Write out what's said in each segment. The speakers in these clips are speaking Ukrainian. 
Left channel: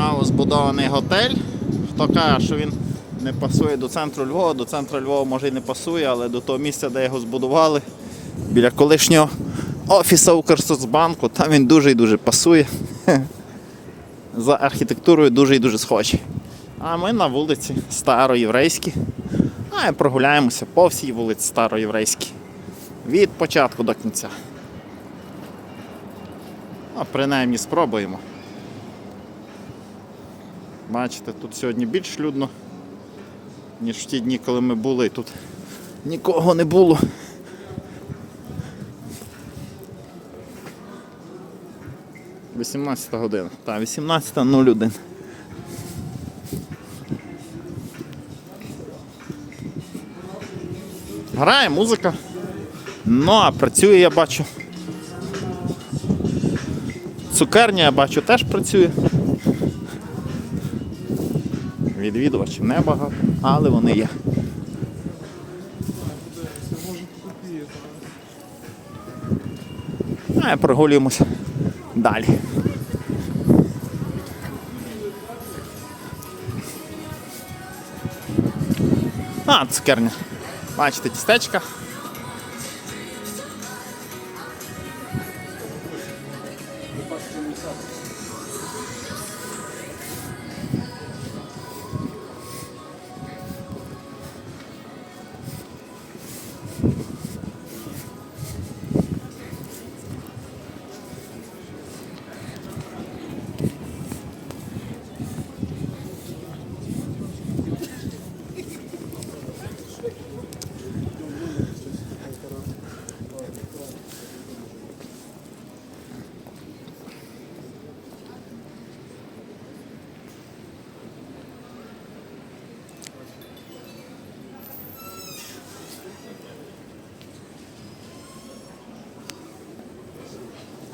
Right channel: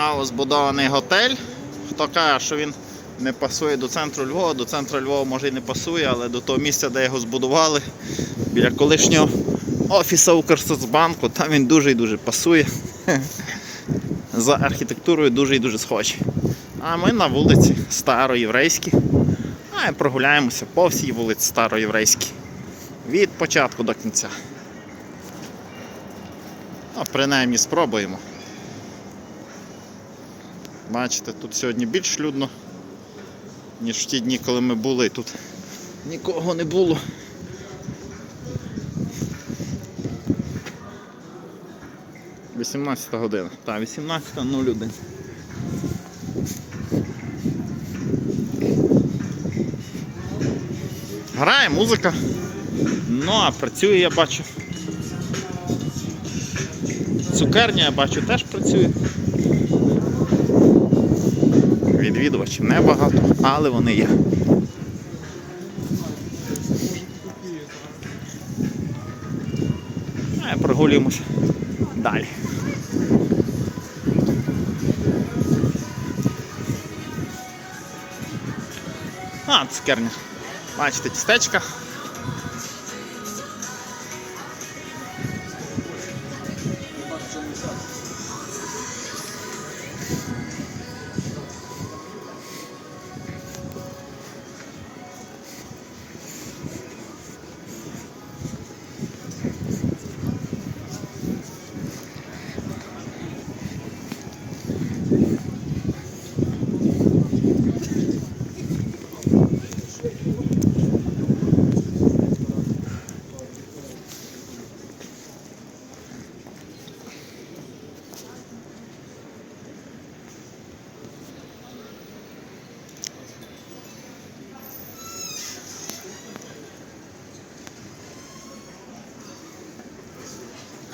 Новозбудований готель. Хто каже, що він не пасує до центру Львова, до центру Львова може і не пасує, але до того місця, де його збудували, біля колишнього офісу Укрсоцбанку, там він дуже і дуже пасує. За архітектурою дуже і дуже схожий. А ми на вулиці Староєврейській. А і прогуляємося по всій вулиці Староєврейській. Від початку до кінця. А принаймні спробуємо. Бачите, тут сьогодні більш людно, ніж в ті дні, коли ми були. Тут нікого не було. Вісімнадцята година. Так, 18.01. Грає музика. Ну, а працює, я бачу. Цукерня, я бачу, теж працює. Відвідувачів небагато, але вони є. А прогулюємося далі. А, цукерня. Бачите, тістечка.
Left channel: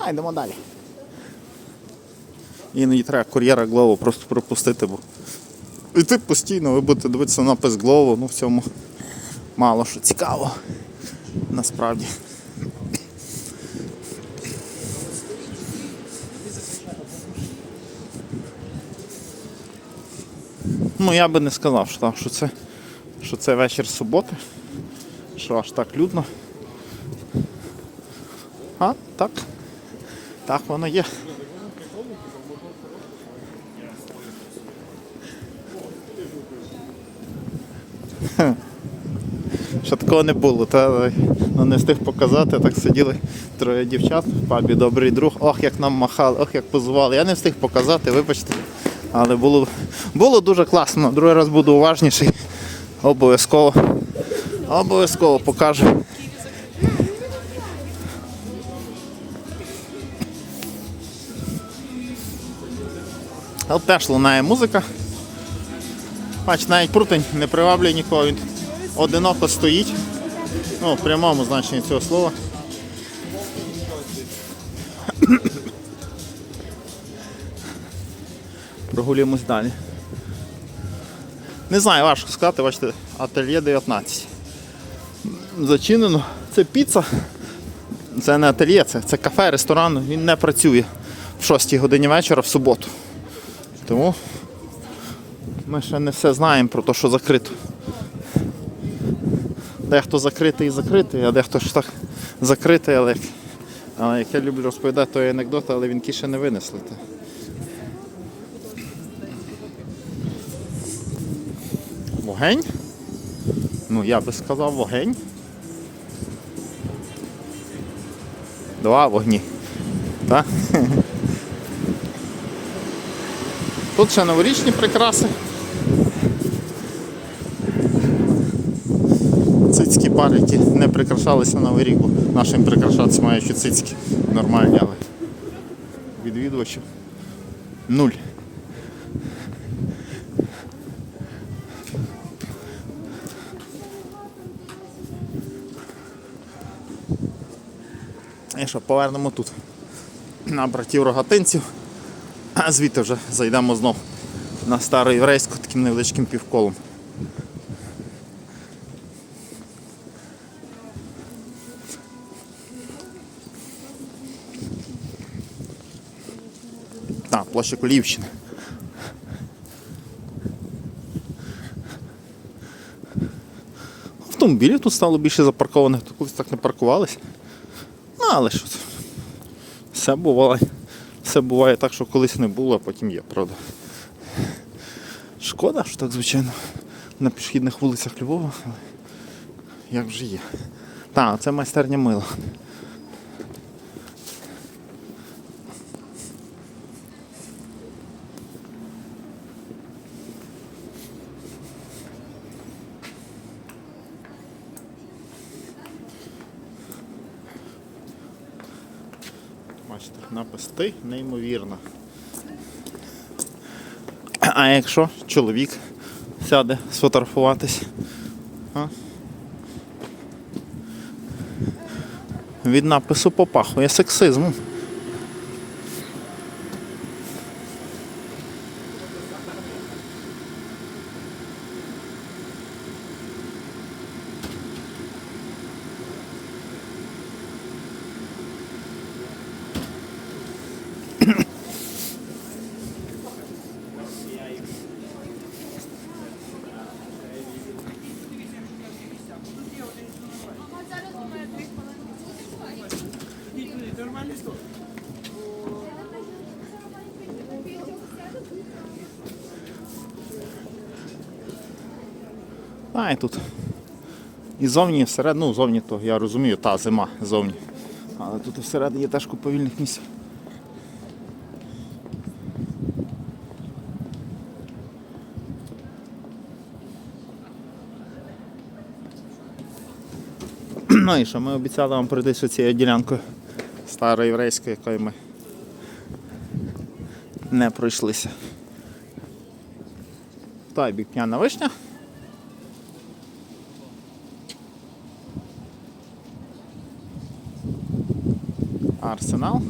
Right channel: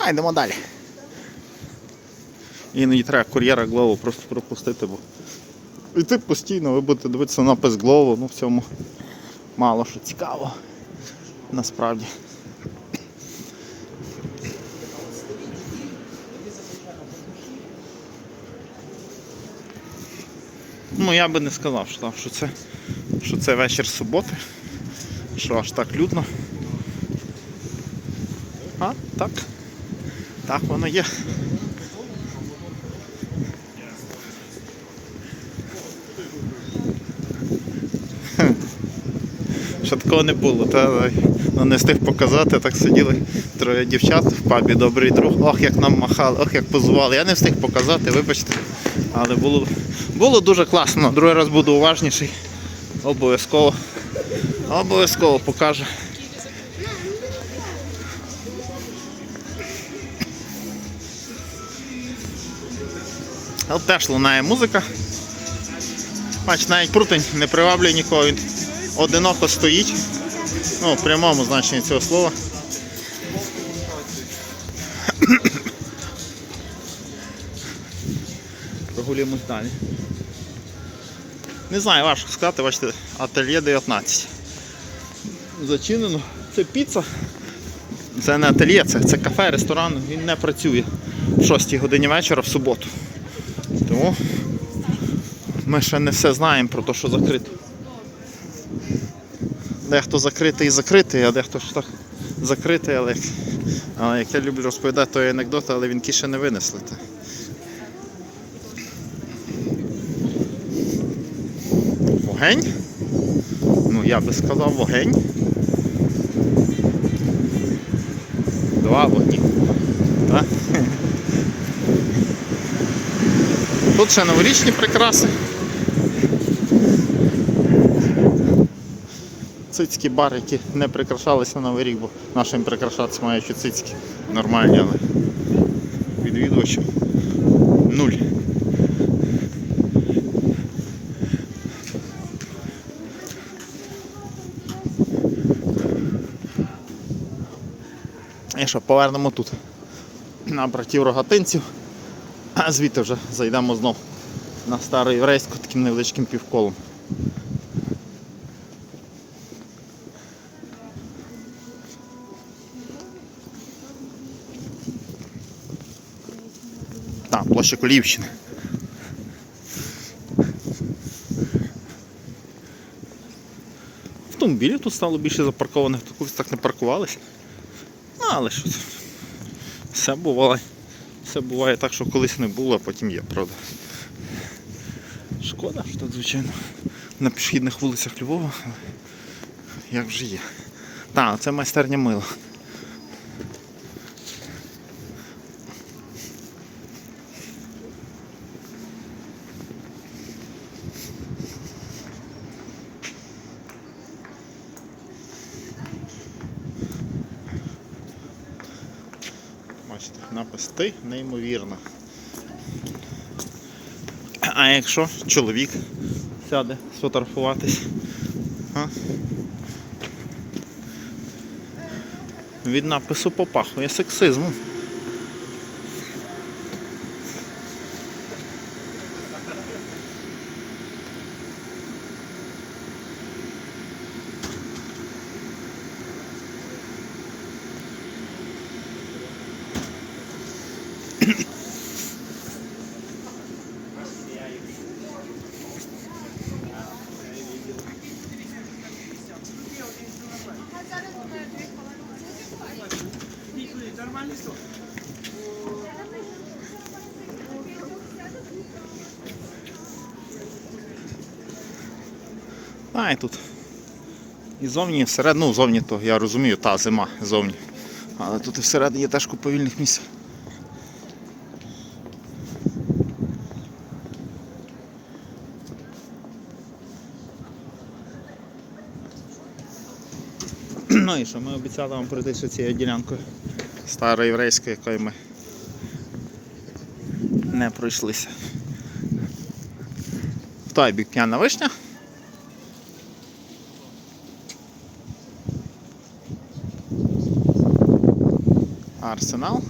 А, йдемо далі. Іноді треба кур'єра Глову просто пропустити, бо і ти постійно ви будете дивитися напис Глову, ну в цьому мало що цікаво. Насправді. Ну я би не сказав, що, що це що це вечір суботи, що аж так людно. А, так. Так воно є. Ще такого не було, та ну, не встиг показати, так сиділи троє дівчат в пабі, добрий друг. Ох, як нам махали, ох, як позували. Я не встиг показати, вибачте. Але було, було дуже класно. Другий раз буду уважніший. Обов'язково. Обов'язково покажу. От теж лунає музика. Бач, навіть прутень не приваблює нікого, він одиноко стоїть. Ну, в прямому значенні цього слова. Прогулюємось далі. Не знаю, важко сказати, бачите, ательє 19. Зачинено. Це піца. Це не ательє, це, це кафе, ресторан, він не працює в 6 годині вечора в суботу. Тому ми ще не все знаємо про те, що закрито. Дехто закритий і закритий, а дехто ж так закритий, але, але як я люблю розповідати той анекдот, але він ще не винесли. Вогень? Ну я би сказав вогень. Два вогні. Так? Тут ще новорічні прикраси. Цицькі бар, які не прикрашалися на Новий рік, бо нашим прикрашатися маючи цицькі нормальні, але відвідувачів нуль. І що, повернемо тут на братів рогатинців. А звідти вже зайдемо знов на старий рейську таким невеличким півколом. Та, площа Кулівщини. Автомобілів тут стало більше запаркованих, тут колись так не паркувалися. Ну, але що це? Все бувало. Все буває так, що колись не було, а потім є, правда. Шкода, що так, звичайно, на пішохідних вулицях Львова, як вже є. Так, це майстерня мила. Бачите, напис ти неймовірно. А якщо чоловік сяде сфотографуватись? А? Від напису попахує сексизмом. А, і тут. І зовні, і всередині, ну зовні то я розумію, та зима зовні. Але тут і всередині є теж купа вільних місць. Ну і що, ми обіцяли вам пройтися цією ділянкою староєврейською, якою ми не пройшлися. В той бік п'яна вишня. Арсенал.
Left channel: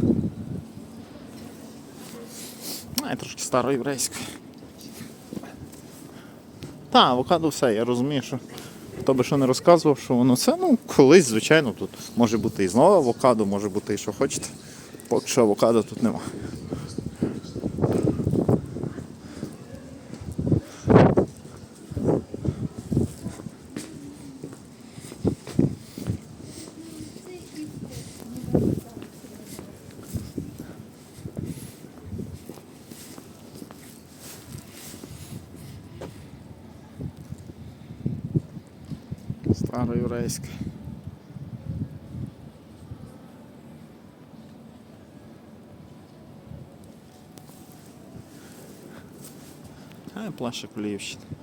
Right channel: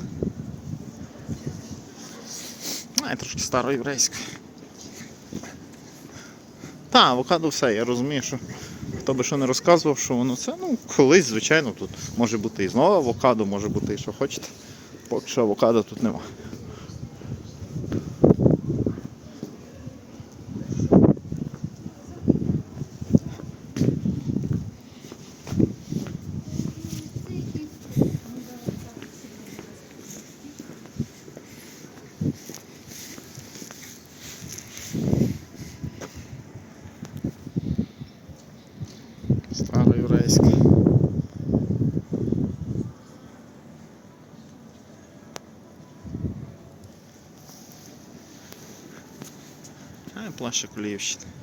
А, і трошки староєврейська. Та, авокадо все, я розумію, що хто би що не розказував, що воно це, ну, колись, звичайно, тут може бути і знову авокадо, може бути і що хочете. Поки що авокадо тут нема. Староєврейська. А, плаща Куліївщина.